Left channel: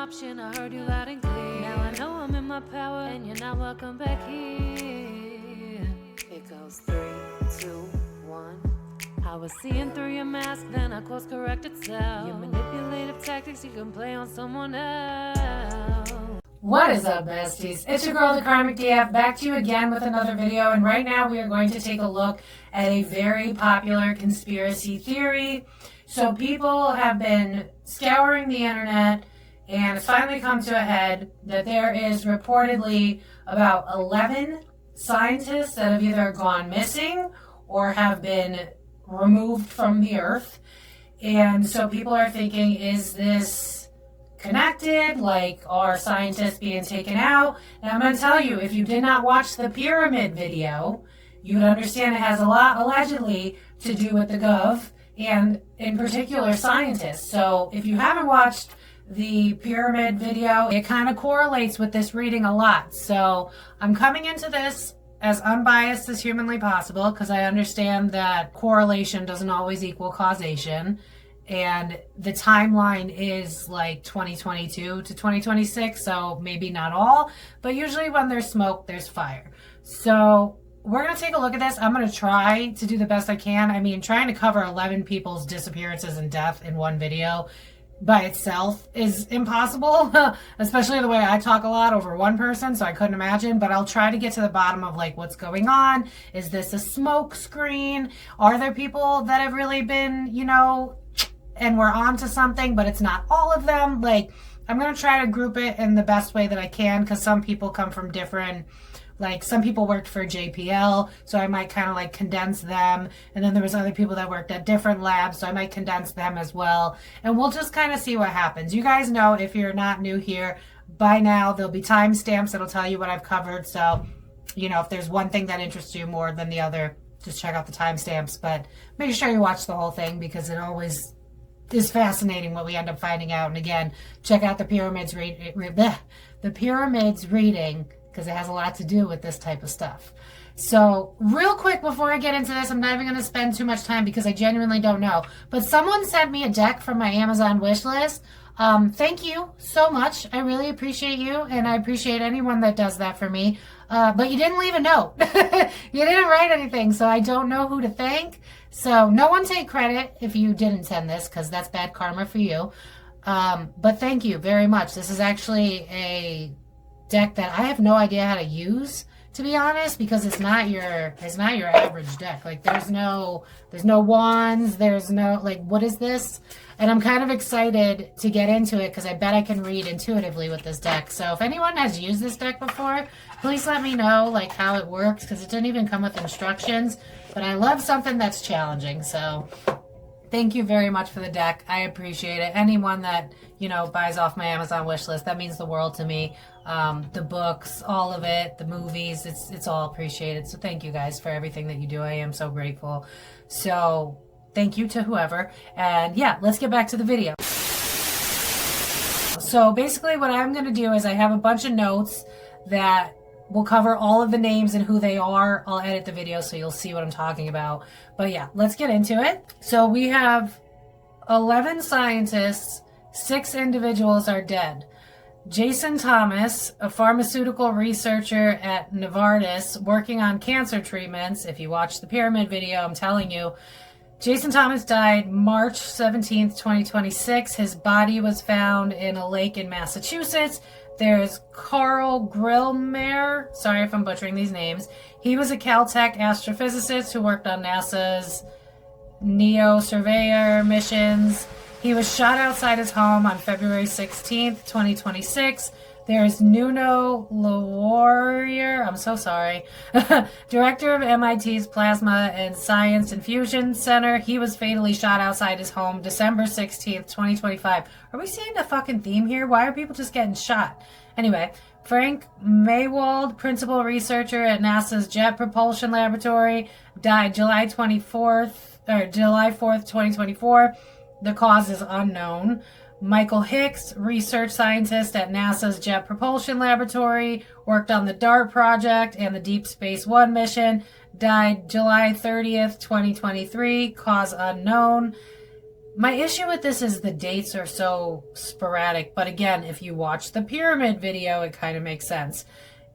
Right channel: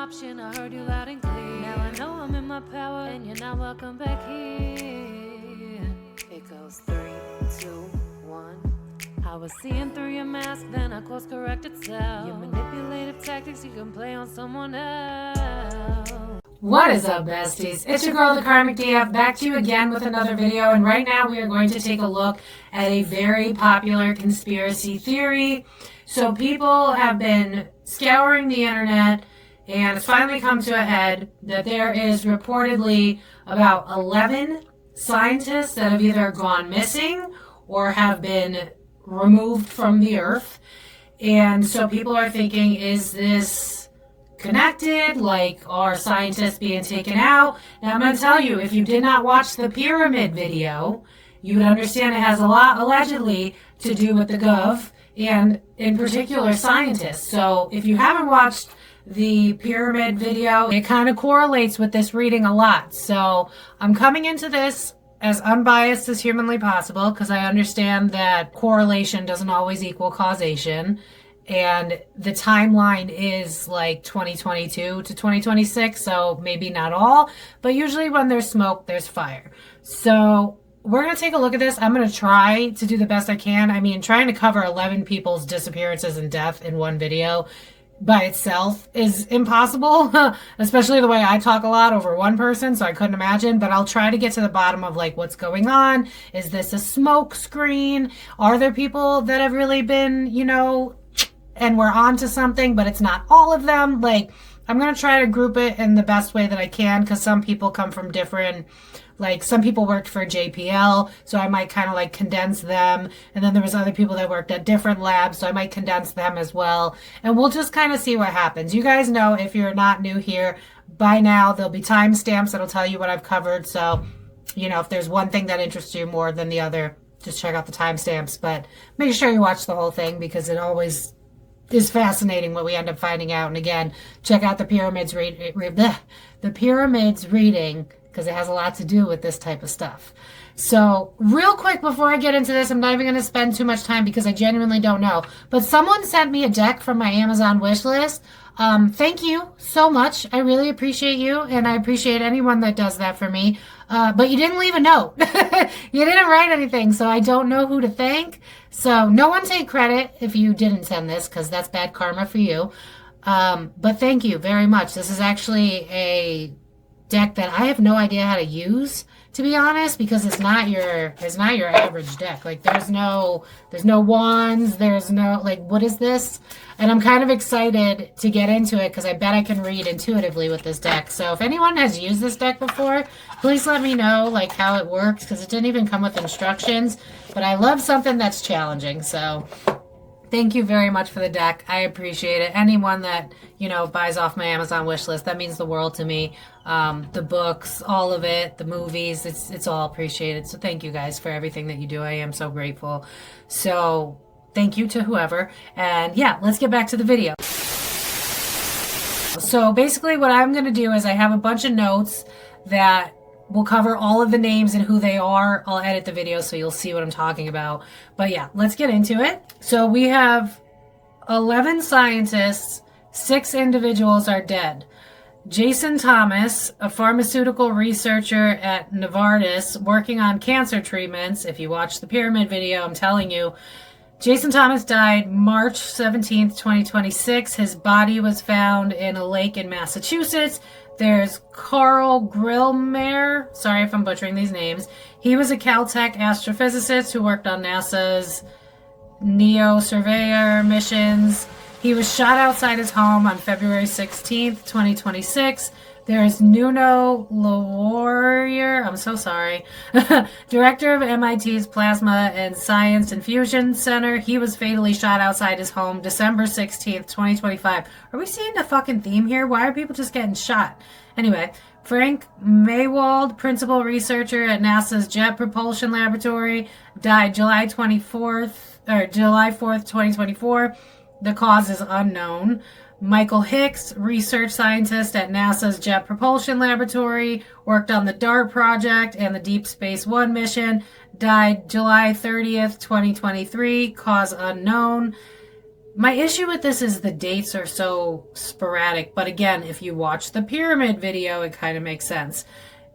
option. I heard you loud and clear. Now I know I'm in my power, and you're not welcome back here. It goes 3, 2, 1. I was seeing through your mask, then I course corrected self. Your manipulative tactics you can play on someone else. What is up, besties? It's your girl, the Karmic DF, back to you again with another video. And right now we are going to take a look at a very popular conspiracy theory. So people have been scouring the internet, and it's finally come to a head that there is reportedly about 11 scientists that have either gone missing or have been removed from the earth. And so people are thinking, is this connected? Like, are scientists being taken out? Now I'm going to tell you, if you did not watch the pyramid video, you would understand it has a lot allegedly to do with the gov and in particular scientists. So if you haven't watched the pyramid video, it kind of correlates with this reading a lot. So I'm coming into this as unbiased as humanly possible because I understand that correlation doesn't always equal causation. And the timeline is like 2022 to 2026, so maybe not all, but usually when there's smoke, there's fire. So we're going to take a look at this. I'm going to try to do the best I can. I mean, trying to cover 11 people's disappearances and death in one video by itself is impossible, especially the way I talk a lot over one person, so I couldn't imagine, but I'll try to get to the bottom of like what's going on. Is this a smoke screen? Are there people that have really been, you know, and we're on to something, but it's not all of them? Like, I'm going to try to group it in the best way that I can, because some people come from different, like some people worked for JPL, so I might kind of like condense them. And then there was other people that worked at different labs, so I might condense them as well. And we'll just kind of see what happens. You guys know, if you're not new here, by now there'll be timestamps that'll tell you what I've covered. So, you know, if there's one thing that interests you more than the other, just check out the timestamps. But make sure you watch the whole thing, because it always is fascinating what we end up finding out. And again, check out the pyramids reading, because it has a lot to do with this type of stuff. So real quick before I get into this, I'm not even going to spend too much time because I genuinely don't know. But someone sent me a deck from my Amazon wish list. Thank you so much. I really appreciate you, and I appreciate anyone that does that for me. But you didn't leave a note. You didn't write anything, so I don't know who to thank. So no one take credit if you didn't send this, because that's bad karma for you. But thank you very much. This is actually a deck that I have no idea how to use, to be honest, because it's not your average deck. Like there's no wands, there's no, like, what is this? And I'm kind of excited to get into it because I bet I can read intuitively with this deck. So if anyone has used this deck before, please let me know like how it works, because it didn't even come with instructions. But I love something that's challenging. So thank you very much for the deck. I appreciate it. Anyone that, you know, buys off my Amazon wish list, that means the world to me. The books, all of it, the movies, it's all appreciated. So thank you guys for everything that you do. I am so grateful. So thank you to whoever. And yeah, let's get back to the video. So basically what I'm going to do is I have a bunch of notes that will cover all of the names and who they are. I'll edit the video so you'll see what I'm talking about. But yeah, let's get into it. So we have 11 scientists, 6 individuals are dead. Jason Thomas, a pharmaceutical researcher at Novartis working on cancer treatments. If you watch the pyramid video, I'm telling you, Jason Thomas died March 17th, 2026. His body was found in a lake in Massachusetts. There's Carl Grillmair. Sorry if I'm butchering these names. He was a Caltech astrophysicist who worked on NASA's NEO surveyor missions. He was shot outside his home on February 16th, 2026. There's Nuno LaWarrior, I'm so sorry, director of MIT's Plasma and Science Infusion Center. He was fatally shot outside his home December 16th, 2025. Are we seeing a fucking theme here? Why are people just getting shot? Anyway, Frank Maywald, principal researcher at NASA's Jet Propulsion Laboratory, died July 4th, 2024. The cause is unknown. Michael Hicks, research scientist at NASA's Jet Propulsion Laboratory, worked on the DART project and the Deep Space One mission, died July 30th, 2023, cause unknown. My issue with this is the dates are so sporadic, but again, if you watch the pyramid video, it kind of makes sense.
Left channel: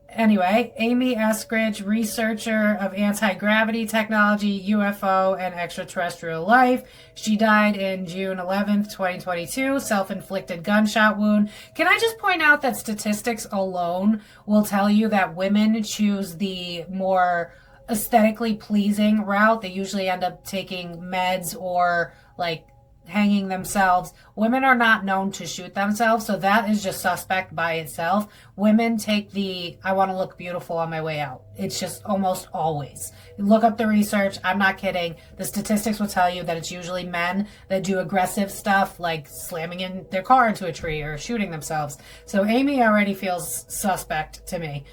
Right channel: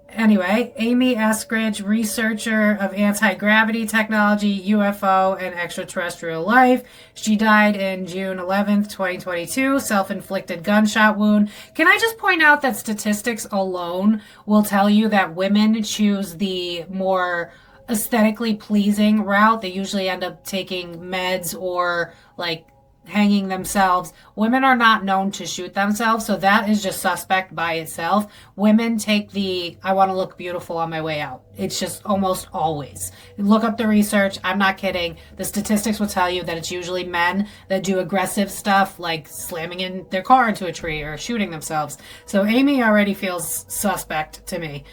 Anyway, Amy Eskridge, researcher of anti-gravity technology, UFO, and extraterrestrial life. She died in June 11th, 2022, self-inflicted gunshot wound. Can I just point out that statistics alone will tell you that women choose the more aesthetically pleasing route? They usually end up taking meds or like hanging themselves. Women are not known to shoot themselves, so that is just suspect by itself. Women take the I want to look beautiful on my way out. It's just almost always. Look up the research. I'm not kidding. The statistics will tell you that it's usually men that do aggressive stuff like slamming in their car into a tree or shooting themselves. So Amy already feels suspect to me.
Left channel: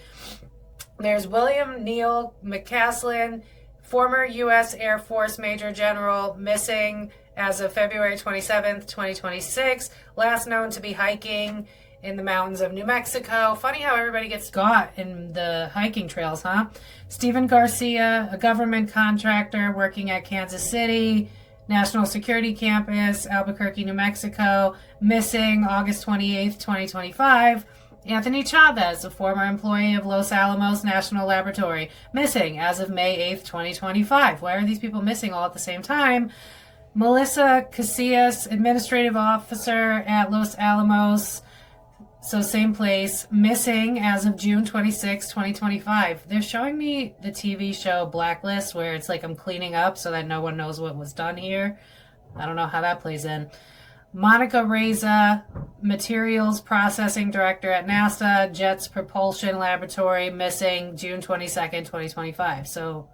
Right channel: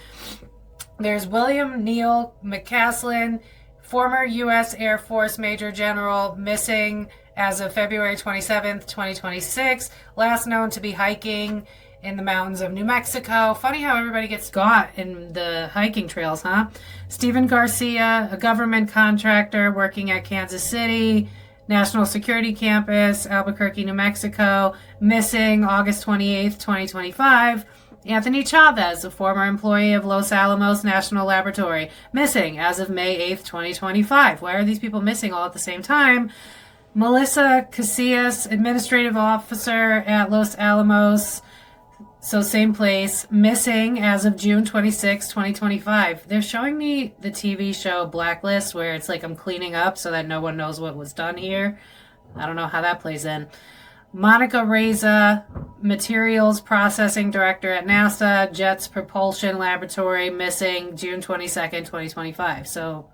There's William Neal McCasland, former U.S. Air Force Major General, missing as of February 27th, 2026. Last known to be hiking in the mountains of New Mexico. Funny how everybody gets got in the hiking trails, huh? Stephen Garcia, a government contractor working at Kansas City National Security Campus, Albuquerque, New Mexico, missing August 28th, 2025. Anthony Chavez, a former employee of Los Alamos National Laboratory, missing as of May 8th, 2025. Why are these people missing all at the same time? Melissa Casias, administrative officer at Los Alamos, so same place, missing as of June 26, 2025. They're showing me the TV show Blacklist, where it's like I'm cleaning up so that no one knows what was done here. I don't know how that plays in. Monica Reza, materials processing director at NASA, Jet's Propulsion Laboratory, missing June 22nd, 2025. So,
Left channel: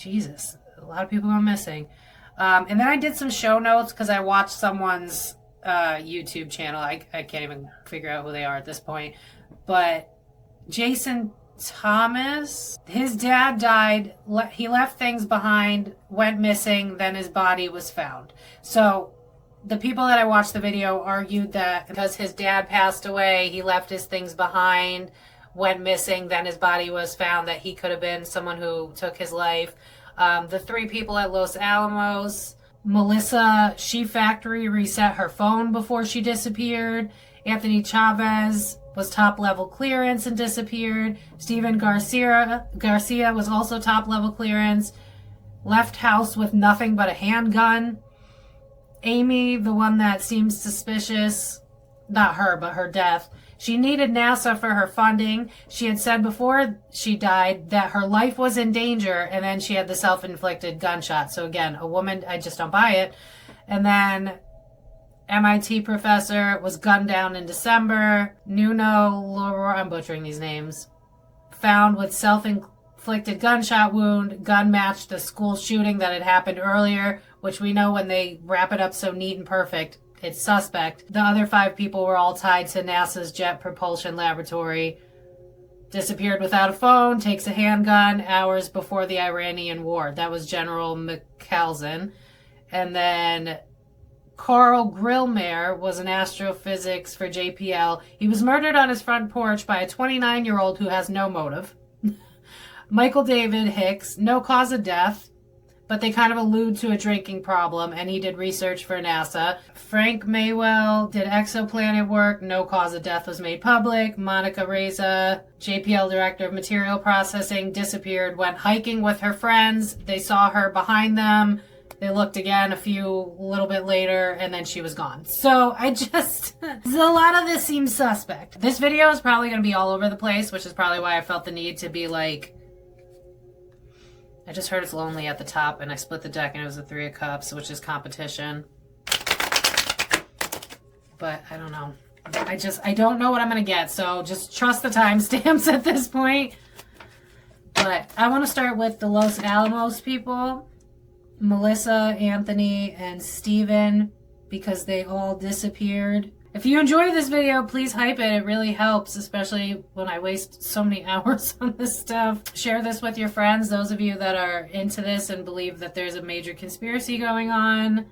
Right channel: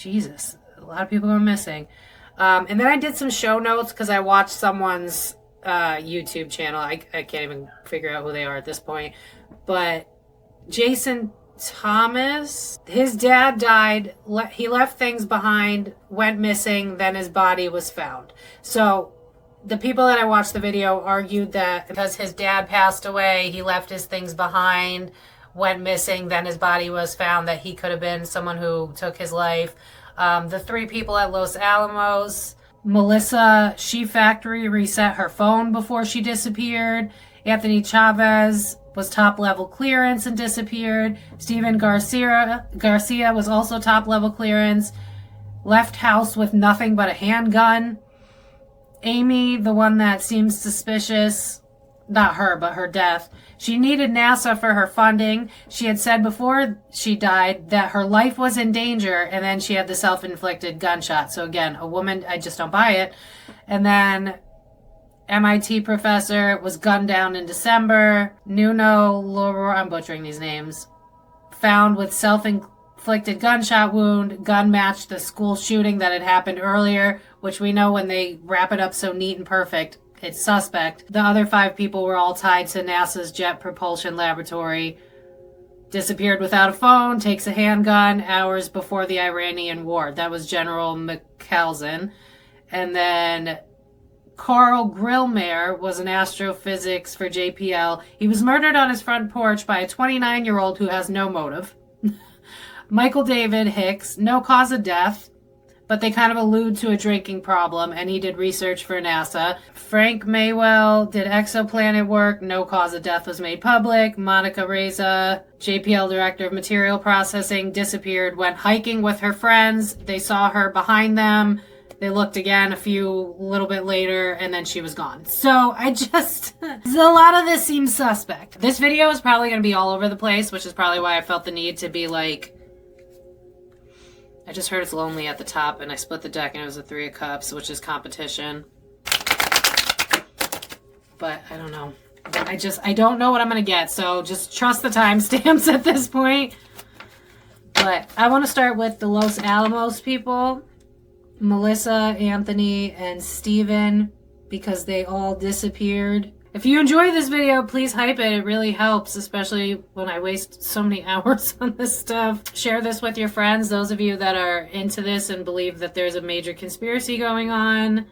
Jesus, a lot of people are missing. And then I did some show notes because I watched someone's YouTube channel. I can't even figure out who they are at this point. But Jason Thomas, his dad died. He left things behind, went missing, then his body was found. So the people that I watched the video argued that because his dad passed away, he left his things behind, went missing, then his body was found, that he could have been someone who took his life. The three people at Los Alamos, Melissa Sheep Factory reset her phone before she disappeared. Anthony Chavez was top level clearance and disappeared. Stephen Garcia was also top level clearance. Left house with nothing but a handgun. Amy, the one that seems suspicious, not her, but her death. She needed NASA for her funding. She had said before she died that her life was in danger, and then she had the self-inflicted gunshot. So again, a woman, I just don't buy it. And then MIT professor was gunned down in December. Nuno Loro, I'm butchering these names, found with self-inflicted gunshot wound. Gun matched the school shooting that had happened earlier, which we know when they wrap it up so neat and perfect, it's suspect. The other 5 people were all tied to NASA's Jet Propulsion Laboratory. Disappeared without a phone, takes a handgun, hours before the Iranian war. That was General McCasland. And then Carl Grillmair was an astrophysics for JPL. He was murdered on his front porch by a 29-year-old who has no motive. Michael David Hicks, no cause of death, but they kind of allude to a drinking problem, and he did research for NASA. Frank Maywell did exoplanet work. No cause of death was made public. Monica Reza, JPL Director of Material Processing, disappeared, went hiking with her friends. They saw her behind them. They looked again a little bit later, and then she was gone. So a lot of this seems suspect. This video is probably going to be all over the place, which is probably why I felt the need to be like, I just heard It's Lonely at the top, and I split the deck, and it was a 3 of Cups, which is competition. But I don't know. I don't know what I'm going to get, so just trust the timestamps at this point. But I want to start with the Los Alamos people. Melissa, Anthony, and Steven, because they all disappeared. If you enjoy this video, please hype it. It really helps, especially when I waste so many hours on this stuff. Share this with your friends, those of you that are into this and believe that there's a major conspiracy going on.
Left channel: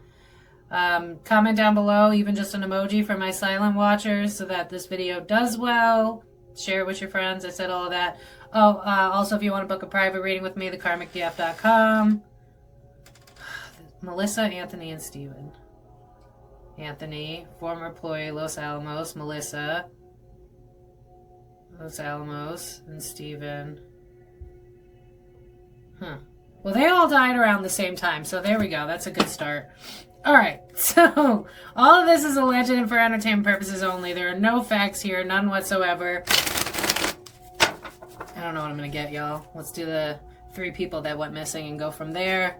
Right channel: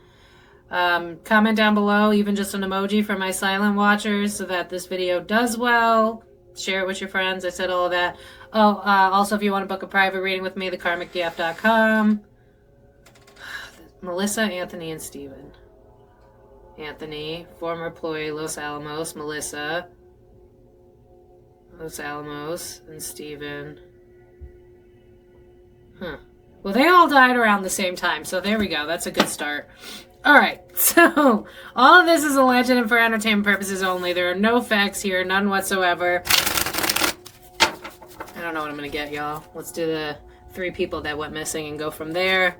Comment down below, even just an emoji for my silent watchers so that this video does well. Share it with your friends. I said all of that. Also, if you want to book a private reading with me, thekarmicdf.com. Melissa, Anthony, and Steven. Anthony, former employee, Los Alamos. Melissa, Los Alamos, and Steven. Well, they all died around the same time, so there we go. That's a good start. All right, so all of this is alleged and for entertainment purposes only. There are no facts here, none whatsoever. I don't know what I'm going to get, y'all. Let's do the 3 people that went missing and go from there.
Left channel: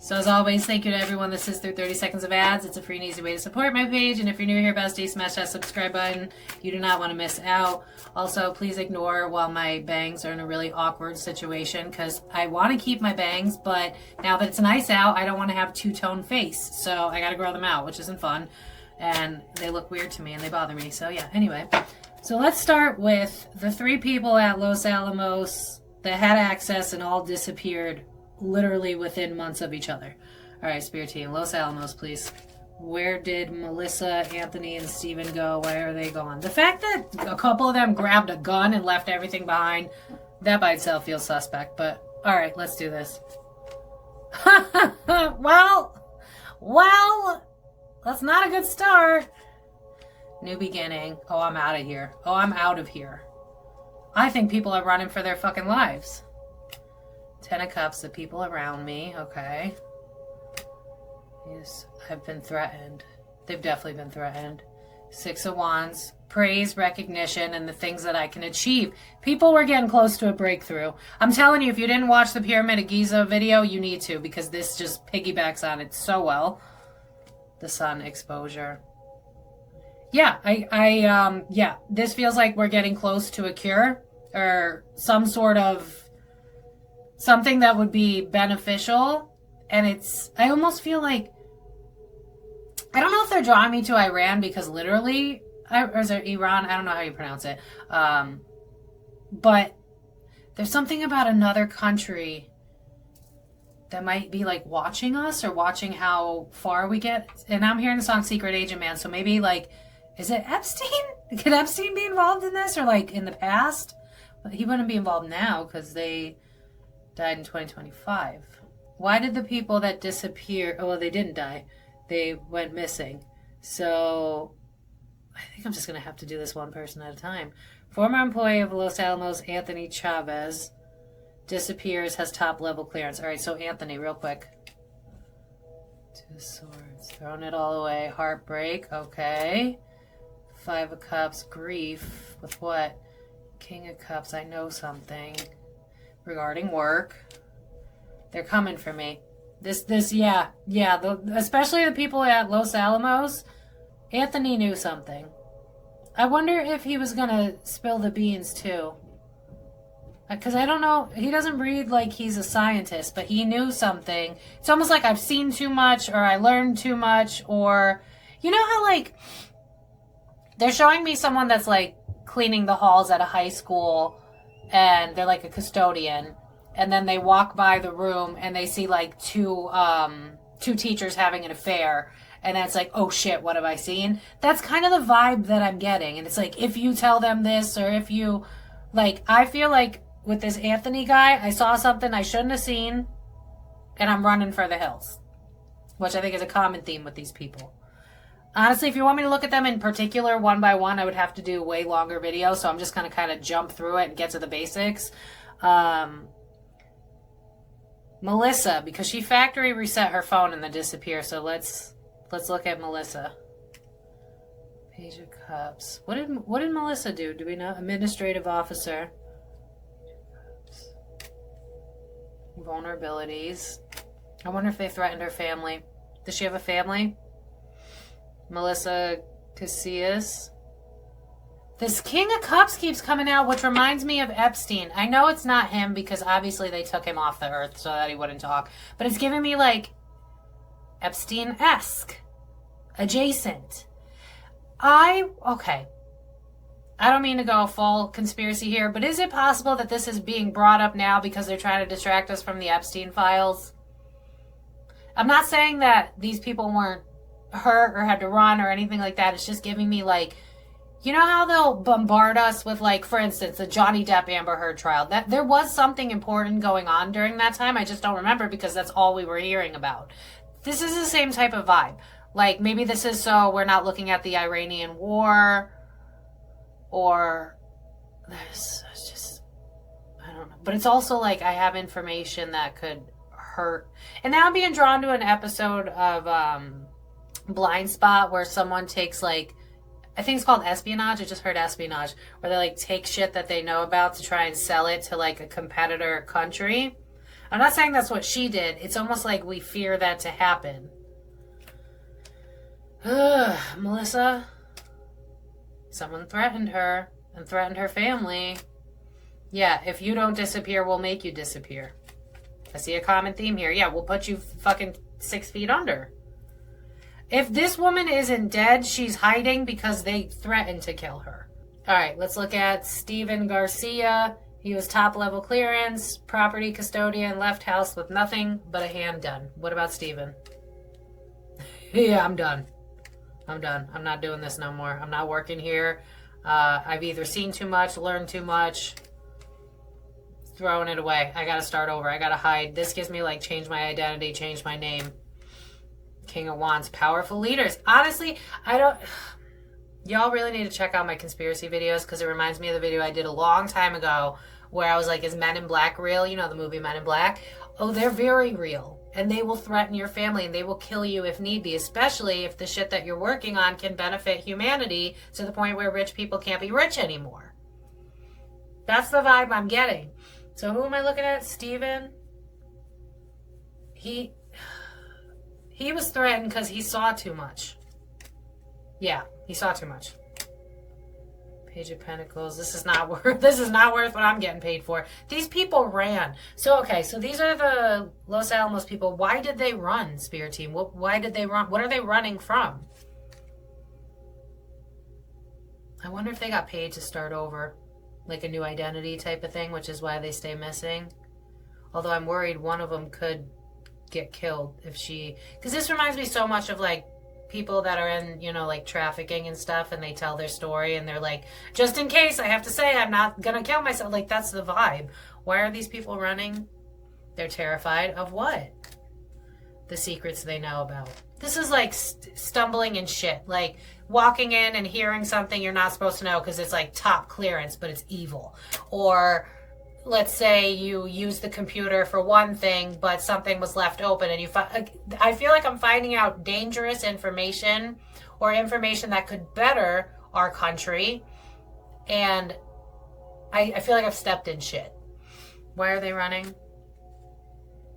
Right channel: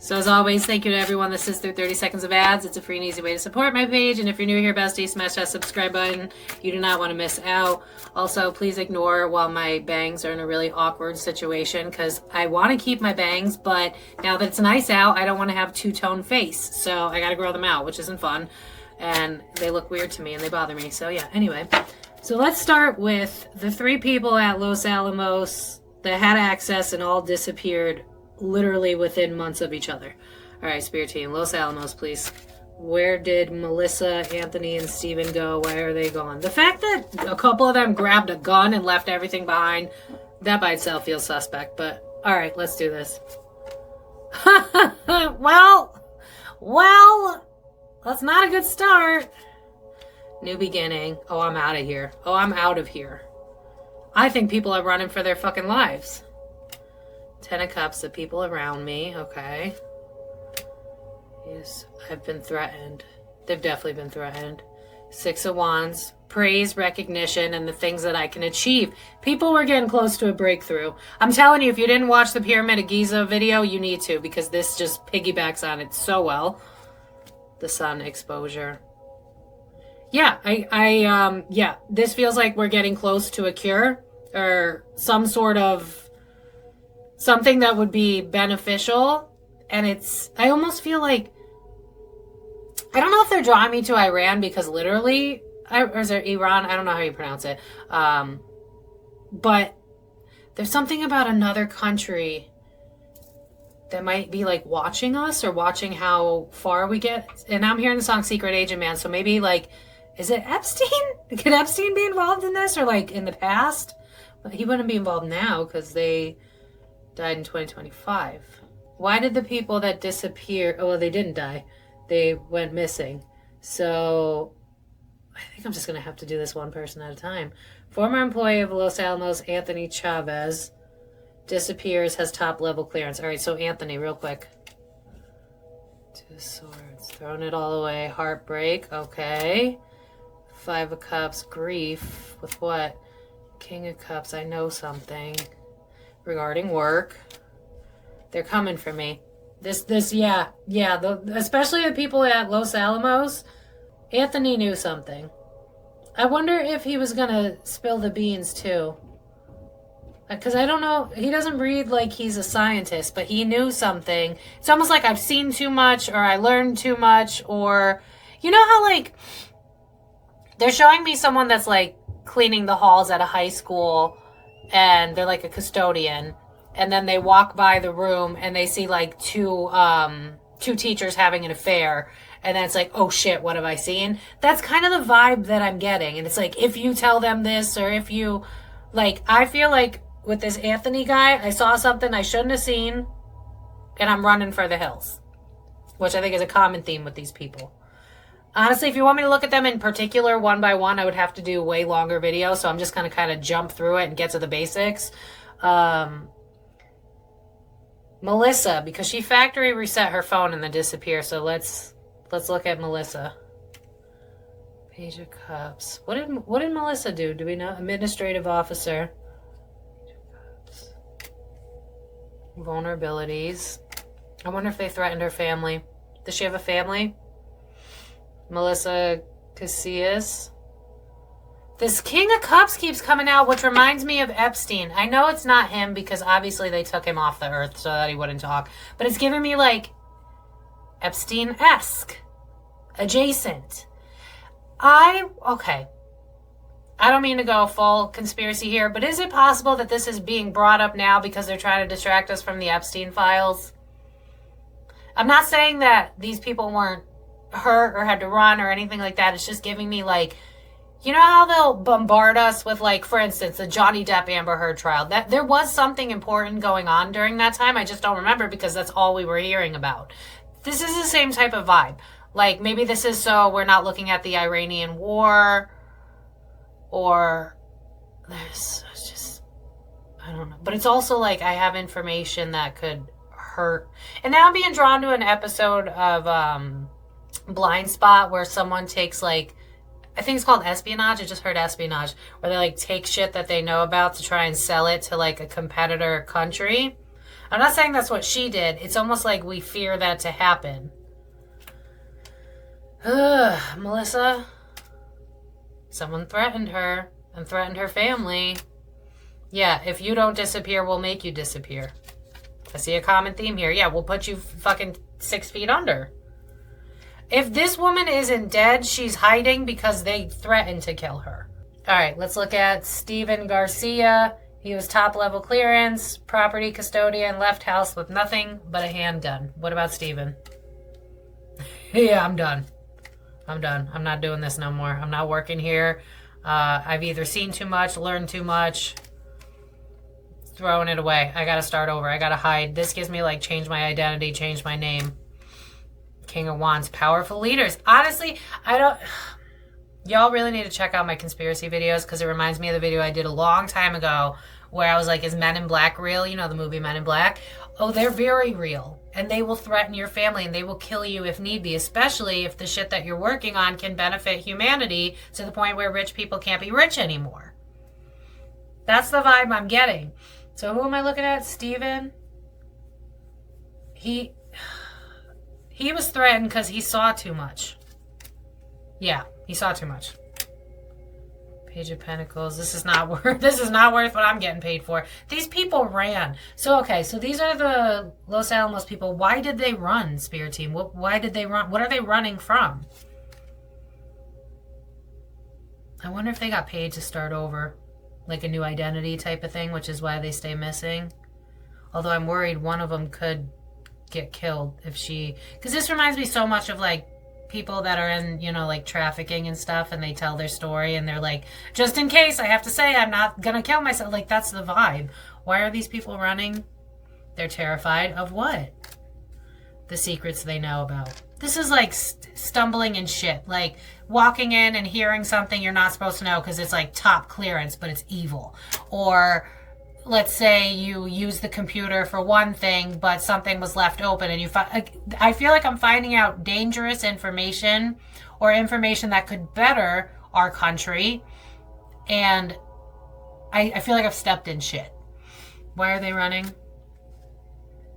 So as always, thank you to everyone that sits through 30 seconds of ads. It's a free and easy way to support my page. And if you're new here, bestie, smash that subscribe button. You do not want to miss out. Also, please ignore while my bangs are in a really awkward situation because I want to keep my bangs, but now that it's nice out, I don't want to have two-tone face. So I got to grow them out, which isn't fun. And they look weird to me and they bother me. So yeah, anyway. So let's start with the 3 people at Los Alamos that had access and all disappeared literally within months of each other. All right, Spirit Team, Los Alamos, please. Where did Melissa, Anthony, and Steven go? Where are they gone? The fact that a couple of them grabbed a gun and left everything behind, that by itself feels suspect. But all right, let's do this. well, that's not a good start. New beginning. Oh, I'm out of here. Oh, I'm out of here. I think people are running for their fucking lives. 10 of Cups, the people around me. Okay. Yes, I've been threatened. They've definitely been threatened. 6 of Wands, praise, recognition, and the things that I can achieve. People were getting close to a breakthrough. I'm telling you, if you didn't watch the Pyramid of Giza video, you need to, because this just piggybacks on it so well. The Sun, exposure. Yeah, yeah, this feels like we're getting close to a cure or some sort of something that would be beneficial. And I almost feel like, I don't know if they're drawing me to Iran because literally, or is it Iran? I don't know how you pronounce it. But there's something about another country that might be like watching us or watching how far we get. And I'm hearing the song Secret Agent Man. So maybe like, is it Epstein? Could Epstein be involved in this or like in the past? He wouldn't be involved now because they died in 2025. Why did the people that disappeared, oh, well, they didn't die. They went missing. So I think I'm just going to have to do this one person at a time. Former employee of Los Alamos, Anthony Chavez, disappears, has top level clearance. All right, so Anthony, real quick. 2 swords, throwing it all away. Heartbreak, okay. 5 of Cups, grief. With what? King of Cups, I know something. Regarding work. They're coming for me. Yeah. Especially the people at Los Alamos. Anthony knew something. I wonder if he was gonna spill the beans too. Because I don't know, he doesn't read like he's a scientist, but he knew something. It's almost like I've seen too much, or I learned too much, or... You know how like... They're showing me someone that's like cleaning the halls at a high school, and they're like a custodian. And then they walk by the room and they see like two teachers having an affair. And then it's like, oh shit, what have I seen? That's kind of the vibe that I'm getting. And it's like, if you tell them this, or if you, like, I feel like with this Anthony guy, I saw something I shouldn't have seen and I'm running for the hills. Which I think is a common theme with these people. Honestly, if you want me to look at them in particular, one by one, I would have to do a way longer video. So I'm just going to kind of jump through it and get to the basics. Melissa, because she factory reset her phone and then disappeared. So let's look at Melissa. Page of Cups. What did Melissa do? Do we know? Administrative officer. Vulnerabilities. I wonder if they threatened her family. Does she have a family? Melissa Casias. This King of Cups keeps coming out, which reminds me of Epstein. I know it's not him because obviously they took him off the earth so that he wouldn't talk. But it's giving me like Epstein-esque. Adjacent. Okay. I don't mean to go full conspiracy here, but is it possible that this is being brought up now because they're trying to distract us from the Epstein files? I'm not saying that these people weren't hurt or had to run or anything like that. It's just giving me like, you know how they'll bombard us with, like, for instance, the Johnny Depp Amber Heard trial. That there was something important going on during that time. I just don't remember because that's all we were hearing about. This is the same type of vibe. Like, maybe this is so we're not looking at the Iranian war, or there's just, I don't know. But it's also like I have information that could hurt. And now I'm being drawn to an episode of Blind Spot where someone takes like, I think it's called espionage. I just heard espionage, where they like take shit that they know about to try and sell it to like a competitor country. I'm not saying that's what she did. It's almost like we fear that to happen. Ugh, Melissa. Someone threatened her and threatened her family. Yeah, if you don't disappear, we'll make you disappear. I see a common theme here. Yeah, we'll put you fucking 6 feet under. If this woman isn't dead, she's hiding because they threatened to kill her. All right, let's look at Steven Garcia. He was top level clearance, property custodian, left house with nothing but a handgun. What about Steven? Yeah, I'm done. I'm done. I'm not doing this no more. I'm not working here. I've either seen too much, learned too much. Throwing it away. I gotta start over. I gotta hide. This gives me like change my identity, change my name. King of Wands, powerful leaders. Honestly, I don't... Y'all really need to check out my conspiracy videos because it reminds me of the video I did a long time ago where I was like, is Men in Black real? You know, the movie Men in Black. Oh, they're very real. And they will threaten your family and they will kill you if need be, especially if the shit that you're working on can benefit humanity to the point where rich people can't be rich anymore. That's the vibe I'm getting. So who am I looking at? Steven? He was threatened because he saw too much. Yeah, he saw too much. Page of Pentacles. This is not worth what I'm getting paid for. These people ran. So okay, so these are the Los Alamos people. Why did they run, Spirit Team? Why did they run? What are they running from? I wonder if they got paid to start over. Like a new identity type of thing, which is why they stay missing. Although I'm worried one of them could get killed if she... Because this reminds me so much of like people that are in, you know, like trafficking and stuff, and they tell their story and they're like, just in case, I have to say I'm not gonna kill myself. Like, that's the vibe. Why are these people running? They're terrified of what? The secrets they know about. This is like stumbling and shit. Like walking in and hearing something you're not supposed to know because it's like top clearance, but it's evil. Or let's say you use the computer for one thing, but something was left open and you find... I feel like I'm finding out dangerous information or information that could better our country. And I feel like I've stepped in shit. Why are they running?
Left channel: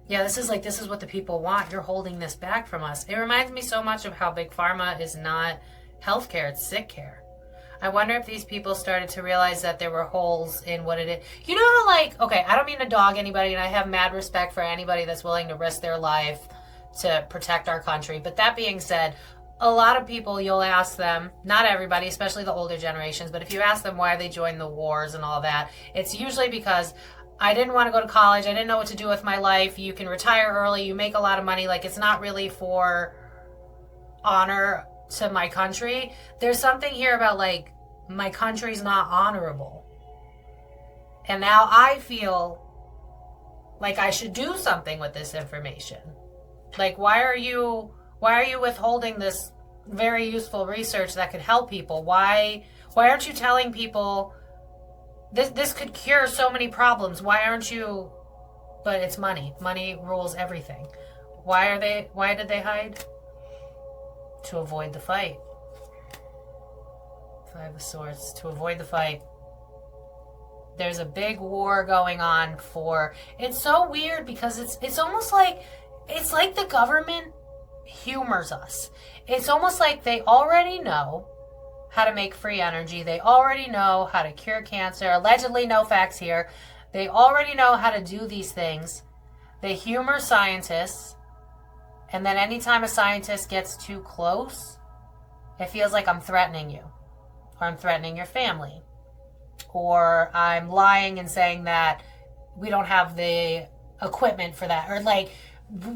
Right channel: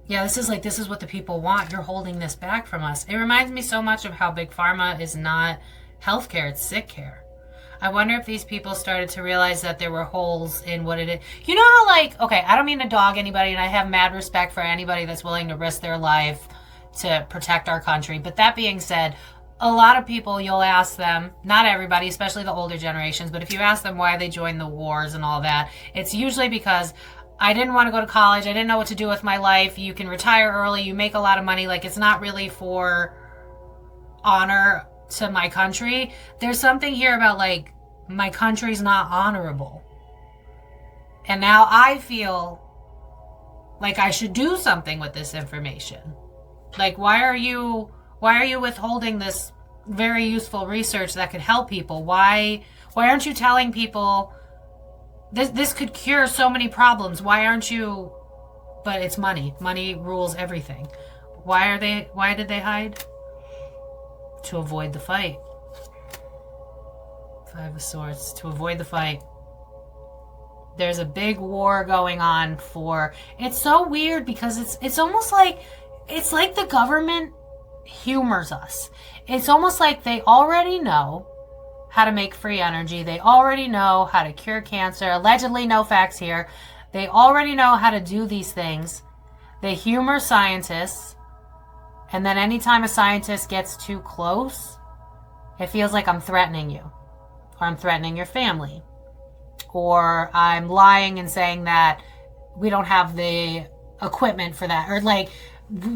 Yeah, this is what the people want. You're holding this back from us. It reminds me so much of how Big Pharma is not healthcare, it's sick care. I wonder if these people started to realize that there were holes in what it is. You know how, like, okay, I don't mean to dog anybody, and I have mad respect for anybody that's willing to risk their life to protect our country. But that being said, a lot of people, you'll ask them, not everybody, especially the older generations, but if you ask them why they joined the wars and all that, it's usually because I didn't want to go to college, I didn't know what to do with my life, you can retire early, you make a lot of money, like, it's not really for honor to my country. There's something here about like my country's not honorable, and now I feel like I should do something with this information. Like, why are you withholding this very useful research that could help people? Why aren't you telling people this could cure so many problems? Why aren't you? But it's money rules everything. Why did they hide? To avoid the fight. Five of Swords. To avoid the fight. There's a big war going on for... It's so weird because it's almost like... It's like the government humors us. It's almost like they already know how to make free energy. They already know how to cure cancer. Allegedly, no facts here. They already know how to do these things. They humor scientists. And then anytime a scientist gets too close, it feels like I'm threatening you. Or I'm threatening your family. Or I'm lying and saying that we don't have the equipment for that. Or like,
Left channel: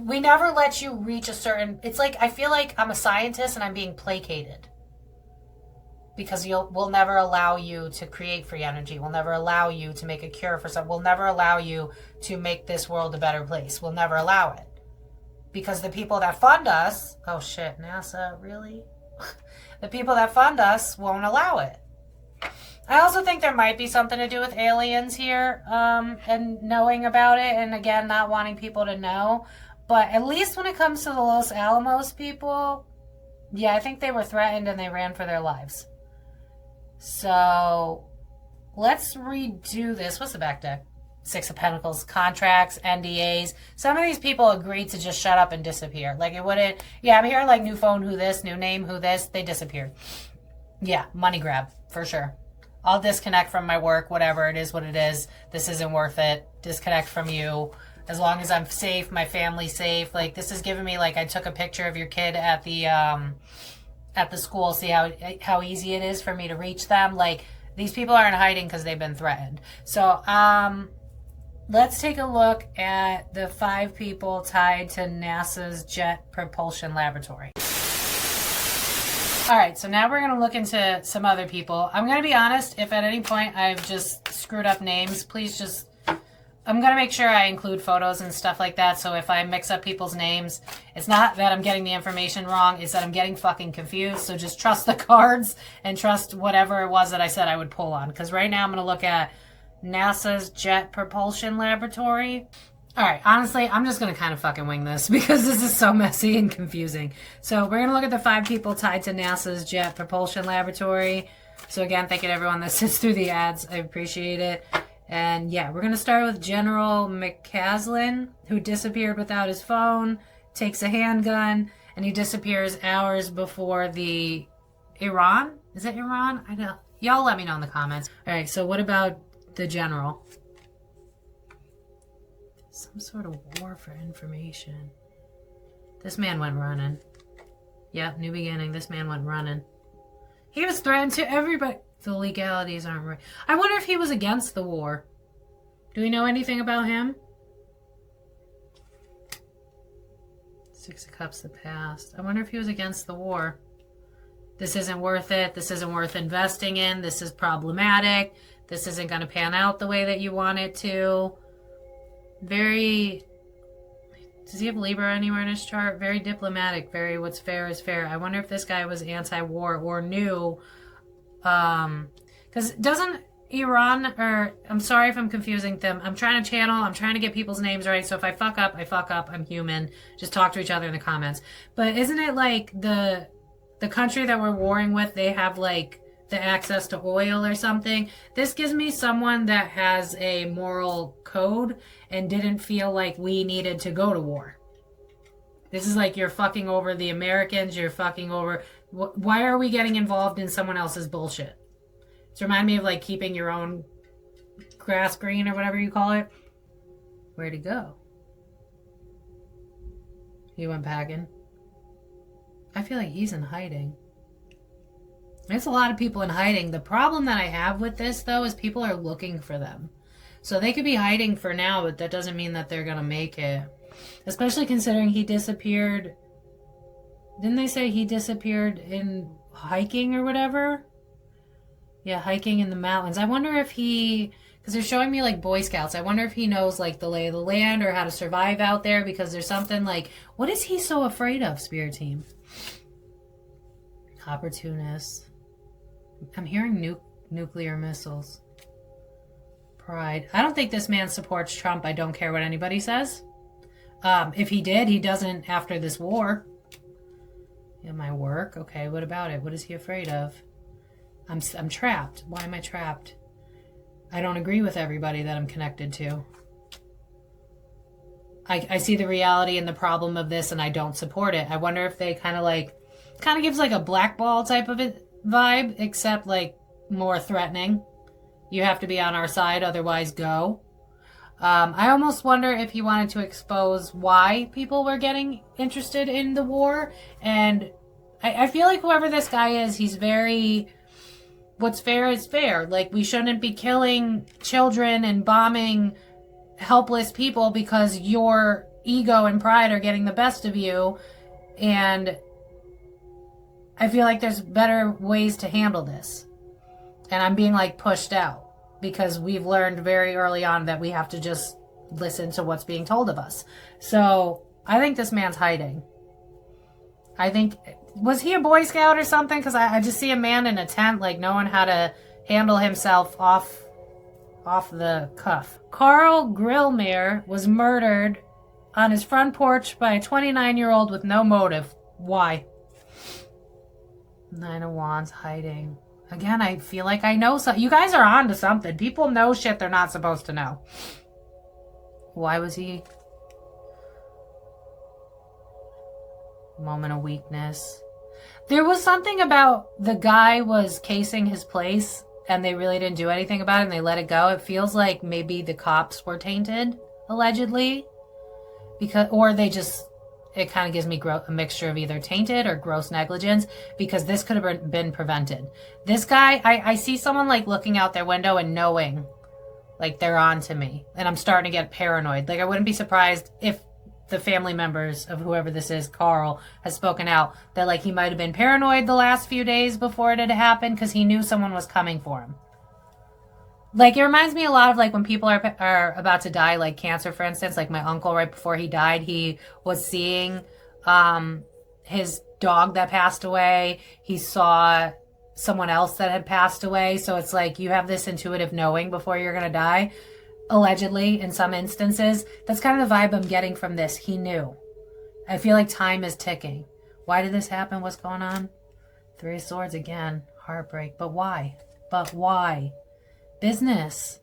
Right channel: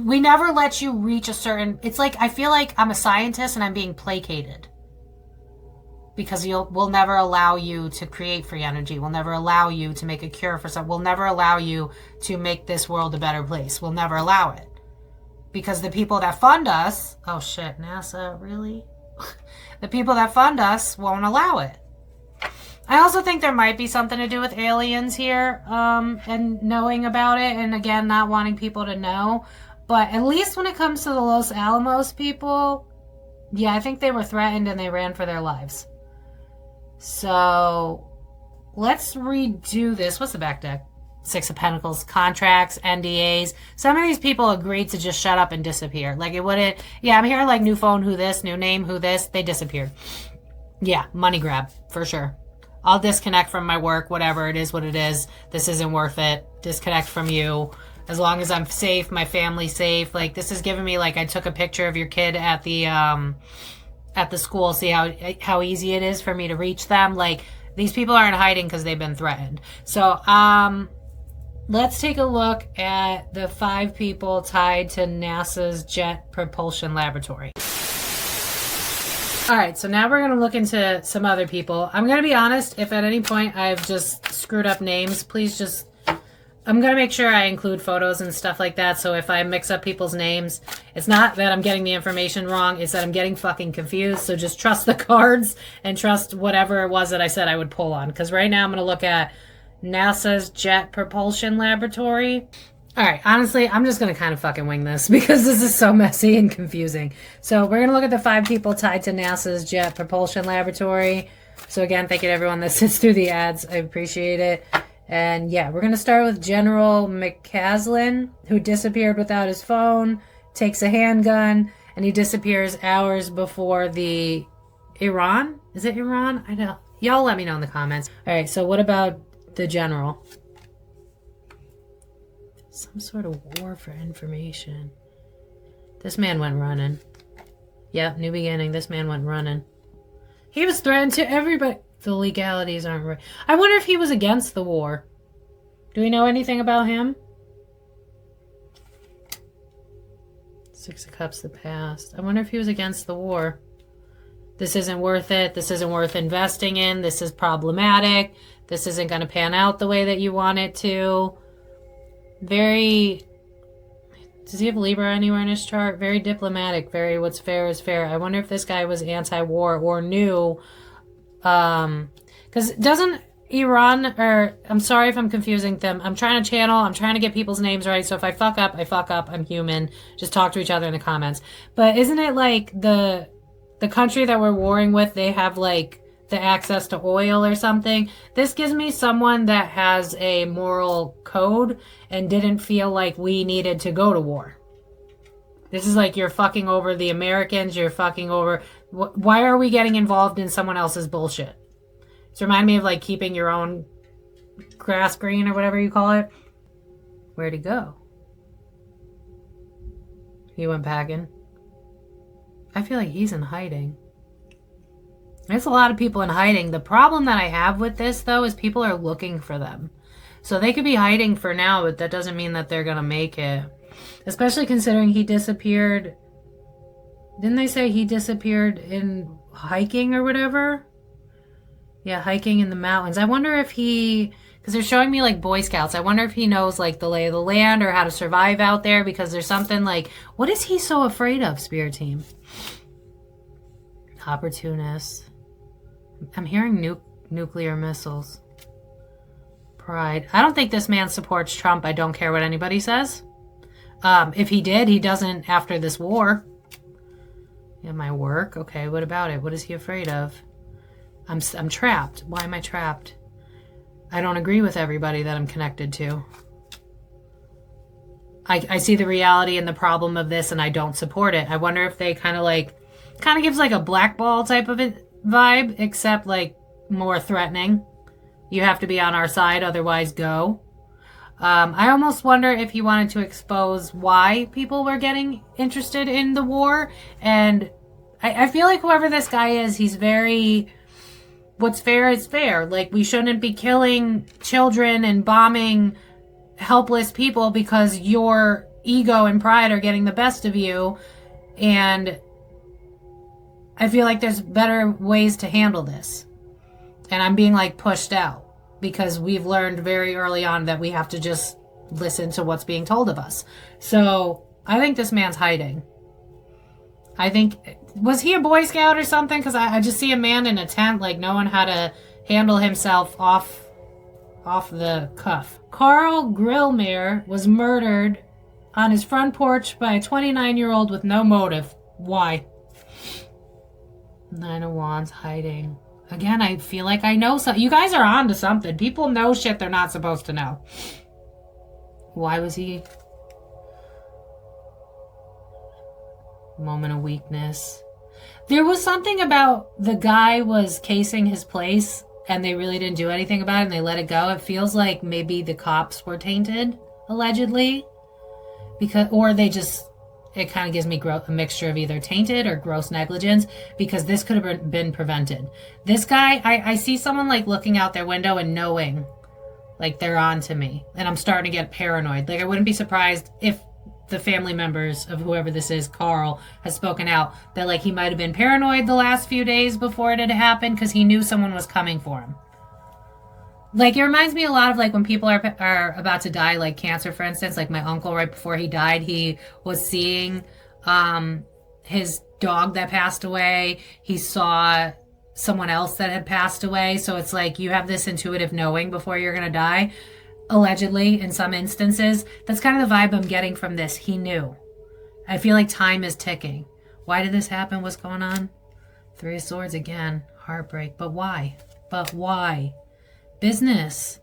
we never let you reach a certain... It's like, I feel like I'm a scientist and I'm being placated. Because we'll never allow you to create free energy. We'll never allow you to make a cure for something. We'll never allow you to make this world a better place. We'll never allow it. because the people that fund us, oh shit, NASA, really? The people that fund us won't allow it. I also think there might be something to do with aliens here, and knowing about it, and again, not wanting people to know. But at least when it comes to the Los Alamos people, yeah, I think they were threatened and they ran for their lives. So let's redo this. What's the back deck? Six of Pentacles, contracts, NDAs. Some of these people agreed to just shut up and disappear. Like it wouldn't, yeah, I'm hearing like new phone, who this, new name, who this, they disappeared. Yeah, money grab, for sure. I'll disconnect from my work, whatever it is, what it is. This isn't worth it. Disconnect from you. As long as I'm safe, my family's safe. Like this is giving me like I took a picture of your kid at the school. See how easy it is for me to reach them. Like these people aren't hiding because they've been threatened. So let's take a look at the 5 people tied to NASA's Jet Propulsion Laboratory. All right, so now we're going to look into some other people. I'm going to be honest, if at any point I've just screwed up names, please just, I'm going to make sure I include photos and stuff like that. So if I mix up people's names, it's not that I'm getting the information wrong, it's that I'm getting fucking confused. So just trust the cards and trust whatever it was that I said I would pull on. Because right now I'm going to look at NASA's Jet Propulsion Laboratory. All right, honestly, I'm just going to kind of fucking wing this because this is so messy and confusing. So we're going to look at the 5 people tied to NASA's Jet Propulsion Laboratory. So again, thank you to everyone that sits through the ads. I appreciate it. And yeah, we're going to start with General mccasland, who disappeared without his phone, takes a handgun, and he disappears hours before the Iran? Is it Iran? I know. Y'all let me know in the comments. All right, so what about the general? Some sort of war for information. This man went running. Yep, new beginning. This man went running. He was threatened to everybody. The legalities aren't right. I wonder if he was against the war. Do we know anything about him? 6 of Cups, the past. I wonder if he was against the war. This isn't worth it. This isn't worth investing in. This is problematic. This isn't going to pan out the way that you want it to. Very, does he have Libra anywhere in his chart? Very diplomatic, very what's fair is fair. I wonder if this guy was anti-war or knew, because doesn't Iran, or I'm sorry if I'm confusing them. I'm trying to channel, I'm trying to get people's names right. So if I fuck up, I fuck up. I'm human. Just talk to each other in the comments. But isn't it like the country that we're warring with, they have like the access to oil or something? This gives me someone that has a moral code and didn't feel like we needed to go to war. This is like you're fucking over the Americans, you're fucking over... Why are we getting involved in someone else's bullshit? It's remind me of like keeping your own grass green or whatever you call it. Where'd he go? He went packing. I feel like he's in hiding. There's a lot of people in hiding. The problem that I have with this, though, is people are looking for them. So they could be hiding for now, but that doesn't mean that they're going to make it. Especially considering he disappeared. Didn't they say he disappeared in hiking or whatever? Yeah, hiking in the mountains. I wonder if he... Because they're showing me, like, Boy Scouts. I wonder if he knows, like, the lay of the land or how to survive out there. Because there's something, like... What is he so afraid of, Spirit Team? Opportunist. I'm hearing nuclear missiles. Pride. I don't think this man supports Trump. I don't care what anybody says. If he did, he doesn't after this war. Yeah, my work. Okay, what about it? What is he afraid of? I'm trapped. Why am I trapped? I don't agree with everybody that I'm connected to. I see the reality and the problem of this, and I don't support it. I wonder if they kind of gives like a blackball type of vibe, except like more threatening. You have to be on our side, otherwise go. I almost wonder if he wanted to expose why people were getting interested in the war. And I feel like whoever this guy is, he's very... What's fair is fair. Like, we shouldn't be killing children and bombing helpless people because your ego and pride are getting the best of you. And I feel like there's better ways to handle this. And I'm being, like, pushed out. Because we've learned very early on that we have to just listen to what's being told of us. So I think this man's hiding. I think, was he a Boy Scout or something? Because I just see a man in a tent, like, knowing how to handle himself off the cuff. Carl Grillmair was murdered on his front porch by a 29-year-old with no motive. Why? Nine of Wands, hiding. Again, I feel like I know something. You guys are on to something. People know shit they're not supposed to know. Why was he? Moment of weakness. There was something about the guy was casing his place and they really didn't do anything about it and they let it go. It feels like maybe the cops were tainted, allegedly. Or they just, it kind of gives me a mixture of either tainted or gross negligence, because this could have been prevented. This guy, I see someone like looking out their window and knowing like they're on to me, and I'm starting to get paranoid. Like, I wouldn't be surprised if the family members of whoever this is, Carl, has spoken out that like he might have been paranoid the last few days before it had happened because he knew someone was coming for him. Like, it reminds me a lot of like when people are about to die, like cancer, for instance. Like my uncle, right before he died, he was seeing his dog that passed away. He saw someone else that had passed away. So it's like you have this intuitive knowing before you're going to die. Allegedly, in some instances. That's kind of the vibe I'm getting from this. He knew. I feel like time is ticking. Why did this happen? What's going on? Three of Swords again. Heartbreak. But why? But why? Business.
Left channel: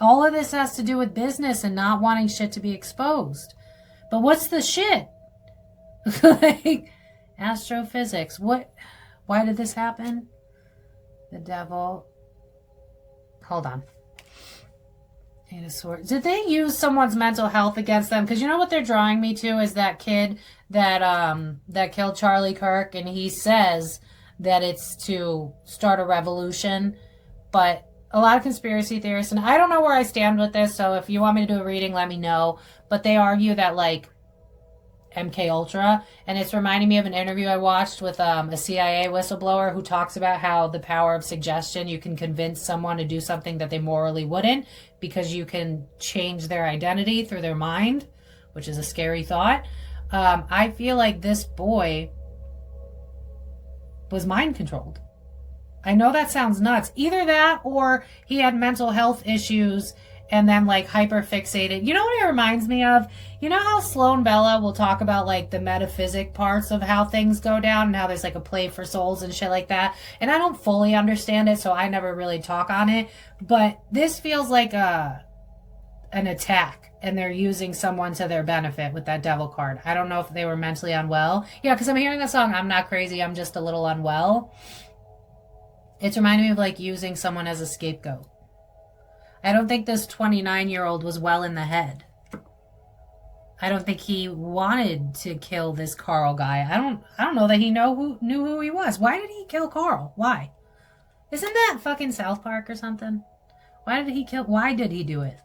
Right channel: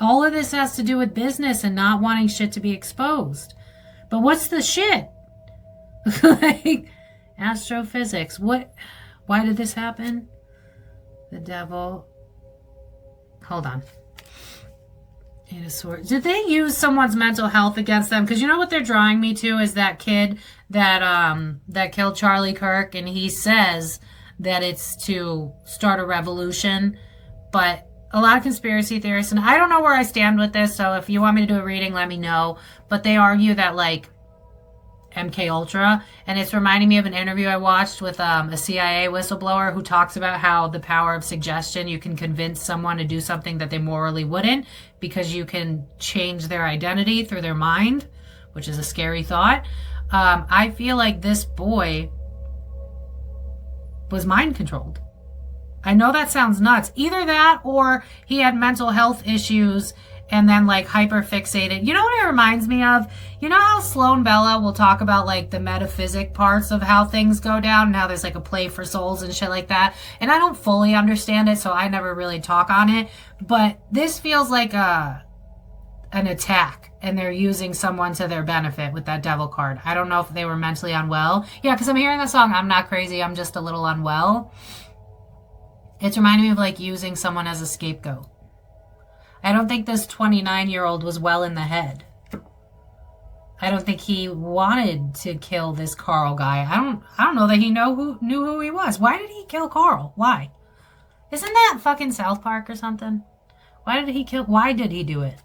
All of this has to do with business and not wanting shit to be exposed. But what's the shit? Like, astrophysics. What? Why did this happen? The Devil. Hold on. Eight of Swords. Did they use someone's mental health against them? Because you know what they're drawing me to is that kid that killed Charlie Kirk, and he says that it's to start a revolution. But a lot of conspiracy theorists, and I don't know where I stand with this, so if you want me to do a reading, let me know. But they argue that like MK Ultra, and it's reminding me of an interview I watched with a CIA whistleblower who talks about how the power of suggestion, you can convince someone to do something that they morally wouldn't, because you can change their identity through their mind, which is a scary thought. I feel like this boy was mind controlled. I know that sounds nuts. Either that or he had mental health issues and then like hyper fixated. You know what it reminds me of? You know how Sloan Bella will talk about like the metaphysic parts of how things go down and how there's like a play for souls and shit like that. And I don't fully understand it, so I never really talk on it. But this feels like an attack, and they're using someone to their benefit with that Devil card. I don't know if they were mentally unwell. Yeah, because I'm hearing the song, I'm not crazy, I'm just a little unwell. It's reminding me of like using someone as a scapegoat. I don't think this 29-year-old was well in the head. I don't think he wanted to kill this Carl guy. I don't know that he knew who he was. Why did he kill Carl? Why? Isn't that fucking South Park or something? Why did he do it?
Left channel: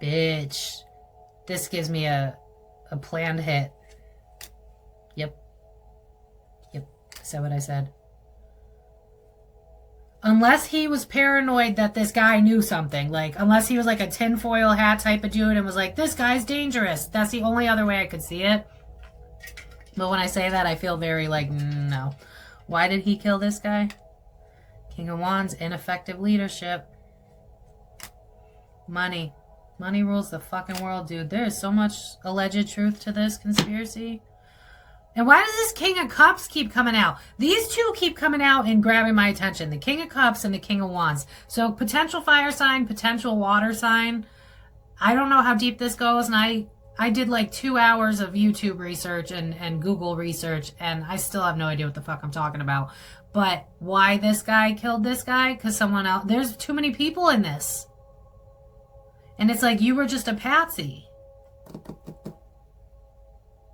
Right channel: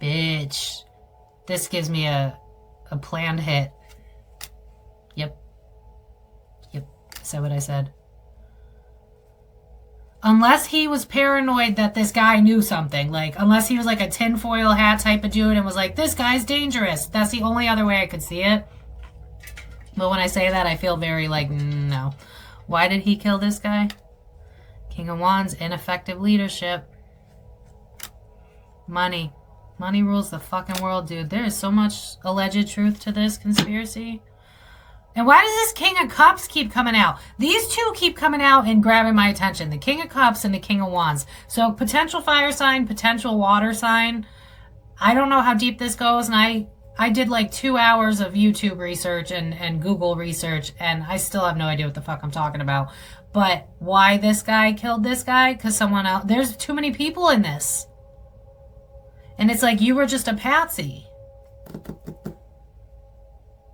Bitch. This gives me a planned hit. Yep. I said what I said. Unless he was paranoid that this guy knew something. Like, unless he was like a tinfoil hat type of dude and was like, this guy's dangerous. That's the only other way I could see it. But when I say that, I feel very like, no. Why did he kill this guy? King of Wands, ineffective leadership. Money. Money rules the fucking world, dude. There is so much alleged truth to this conspiracy. And why does this King of Cups keep coming out? These two keep coming out and grabbing my attention. The King of Cups and the King of Wands. So potential fire sign, potential water sign. I don't know how deep this goes. And I did like 2 hours of YouTube research and Google research. And I still have no idea what the fuck I'm talking about. But why this guy killed this guy? Because someone else. There's too many people in this. And it's like you were just a patsy.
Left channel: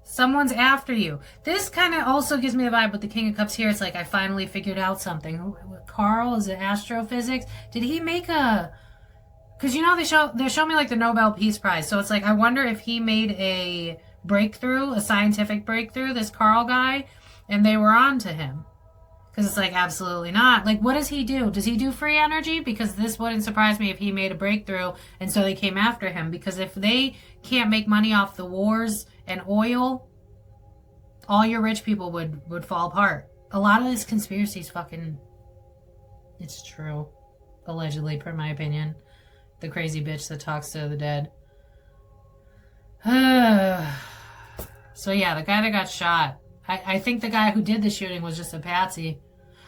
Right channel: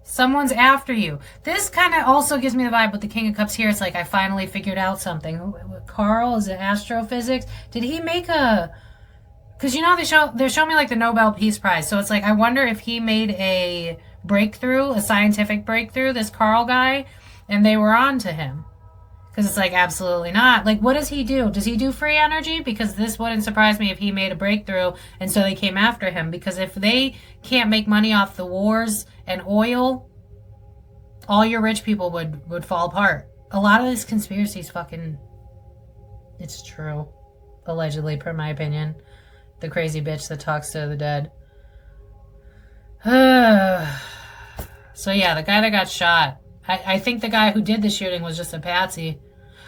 Someone's after you. This kind of also gives me the vibe with the King of Cups here. It's like I finally figured out something. Carl, is it astrophysics? Did he make a... Because you know they're showing me like the Nobel Peace Prize. So it's like I wonder if he made a breakthrough, a scientific breakthrough, this Carl guy, and they were on to him. Because it's like, absolutely not. Like, what does he do? Does he do free energy? Because this wouldn't surprise me if he made a breakthrough and so they came after him. Because if they can't make money off the wars and oil, all your rich people would fall apart. A lot of these conspiracies fucking... It's true. Allegedly, per my opinion. The crazy bitch that talks to the dead. So yeah, the guy that got shot. I think the guy who did the shooting was just a patsy.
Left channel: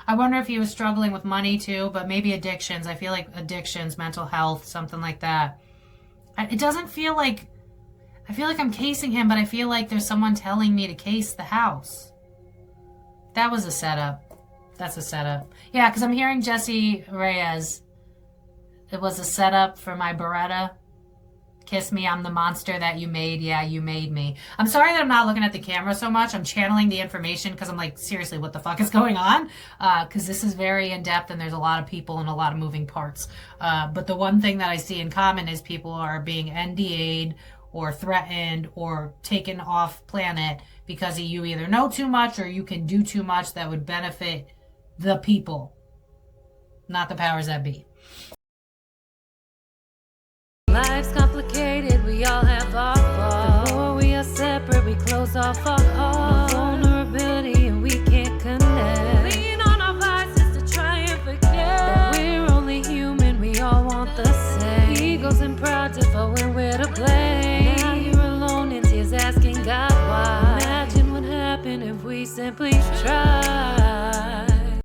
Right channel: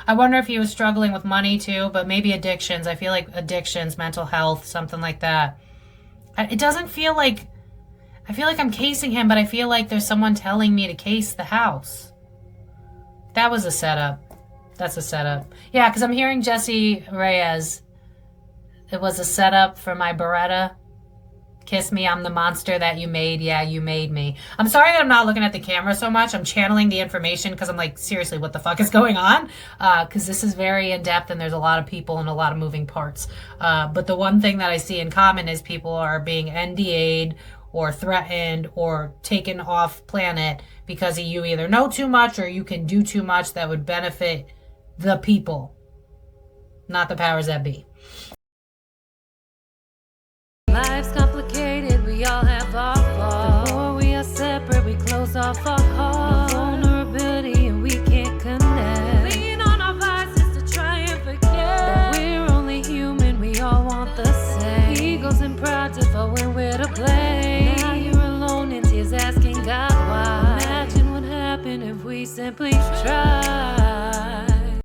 I wonder if he was struggling with money too, but maybe addictions. I feel like addictions, mental health, something like that. It doesn't feel like... I feel like I'm casing him, but I feel like there's someone telling me to case the house. That was a setup. That's a setup. Yeah, because I'm hearing Jesse Reyes. It was a setup for my Beretta. Kiss me, I'm the monster that you made. Yeah, you made me. I'm sorry that I'm not looking at the camera so much. I'm channeling the information because I'm like, seriously, what the fuck is going on? Because this is very in-depth and there's a lot of people and a lot of moving parts. But the one thing that I see in common is people are being NDA'd or threatened or taken off planet because you either know too much or you can do too much that would benefit the people, not the powers that be. Life's complicated, we all have our faults. The more we are separate, we close off our hearts. No vulnerability and we can't connect. Lean on our vices to try and forget that we're only human, we all want the same. Egos and pride differ when we're to blame. Now you're alone in tears asking God why. Imagine what happened if we simply tried.